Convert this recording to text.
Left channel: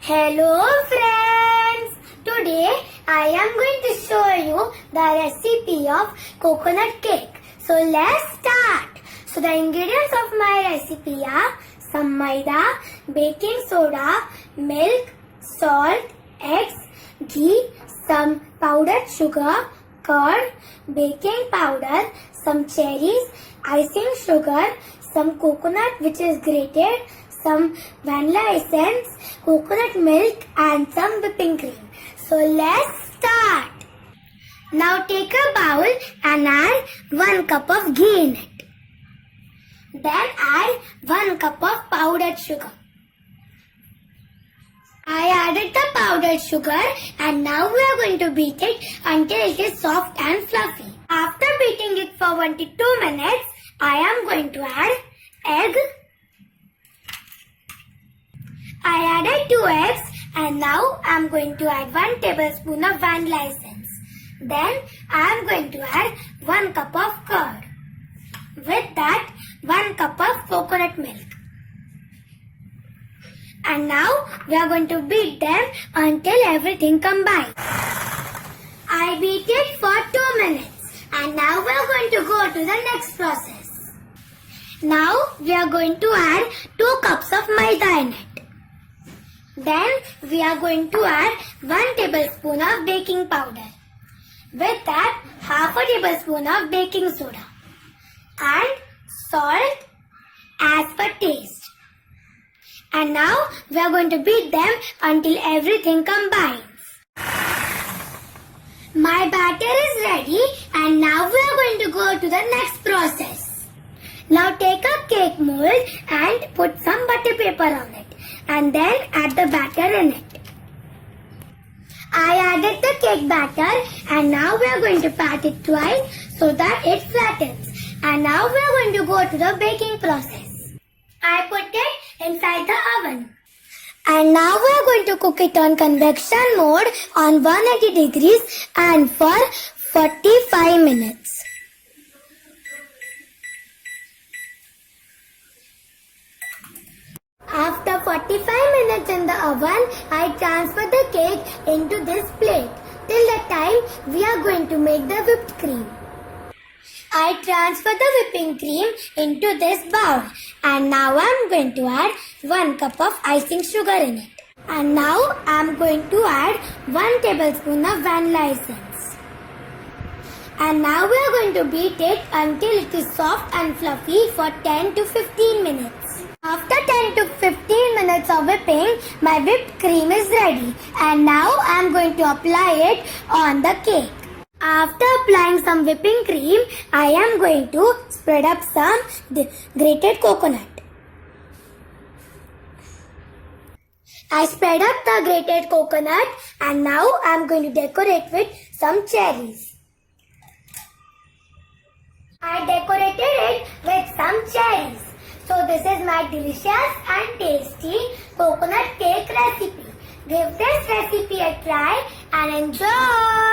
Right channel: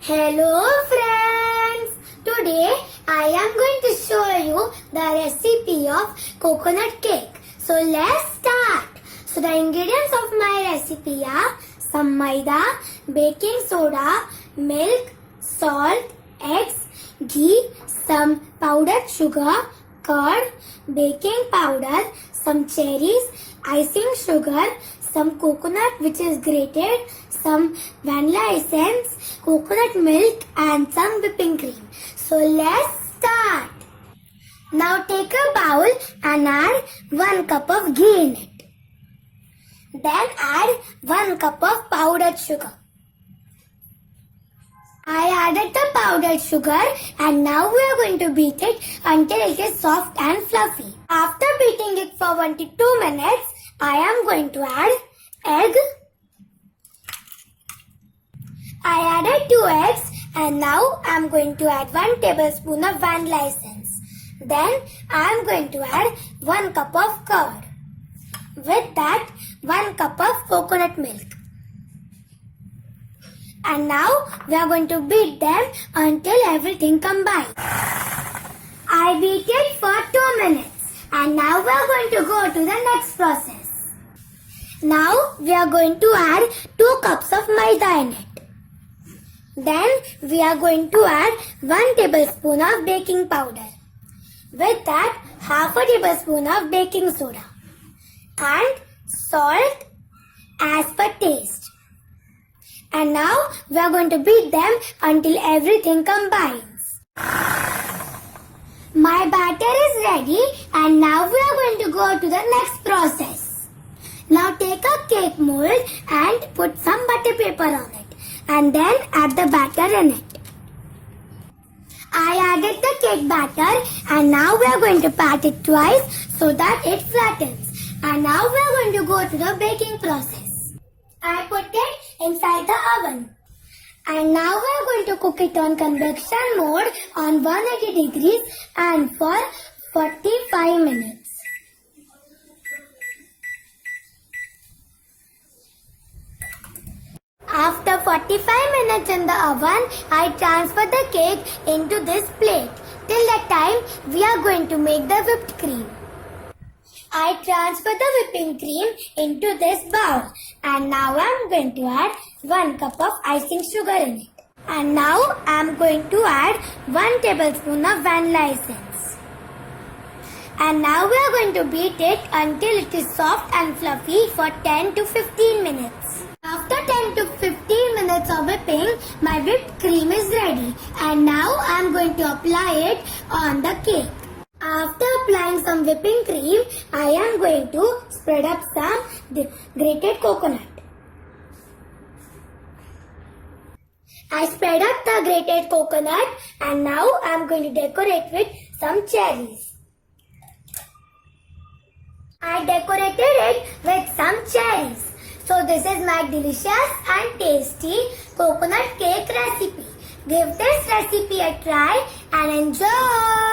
Hello friends! Today I am going to show you the recipe of coconut cake. So let's start. So the ingredients of my recipe are some maida, baking soda, milk, salt, eggs, ghee, some powdered sugar, curd, baking powder, some cherries, icing sugar, some coconut which is grated, some vanilla essence, coconut milk and some whipping cream. So let's start. Now take a bowl and add 1 cup of ghee in it. Then add 1 cup of powdered sugar. I added the powdered sugar and now we are going to beat it until it is soft and fluffy. After beating it for 1 to 2 minutes, I am going to add egg. I added 2 eggs and now I am going to add 1 tablespoon of vanilla essence. Then I am going to add 1 cup of curd. With that 1 cup of coconut milk. And now we are going to beat them until everything combines. I beat it for 2 minutes and now we are going to go to the next process. Now we are going to add 2 cups of maida in it. Then we are going to add 1 tablespoon of baking powder. With that, half a tablespoon of baking soda. And salt as per taste. And now we are going to beat them until everything combines. My batter is ready and now we are going to go to the next process. Now take a cake mold and put some butter paper on it. And then add the batter in it. I added the cake batter and now we are going to pat it twice so that it flattens. And now we are going to go to the baking process. I put it inside the oven. And now we are going to cook it on convection mode on 180 degrees and for 45 minutes. After 45 minutes in the oven, I transfer the cake into this plate. Till that time, we are going to make the whipped cream. I transfer the whipping cream into this bowl. And now I am going to add 1 cup of icing sugar in it. And now I am going to add 1 tablespoon of vanilla essence. And now we are going to beat it until it is soft and fluffy for 10 to 15 minutes. After 10 to 15 minutes of whipping, my whipped cream is ready. And now I am going to apply it on the cake. After applying some whipping cream, I am going to spread up some grated coconut. I spread up the grated coconut and now I am going to decorate with some cherries. I decorated it with some cherries. So this is my delicious and tasty coconut cake recipe. Give this recipe a try and enjoy.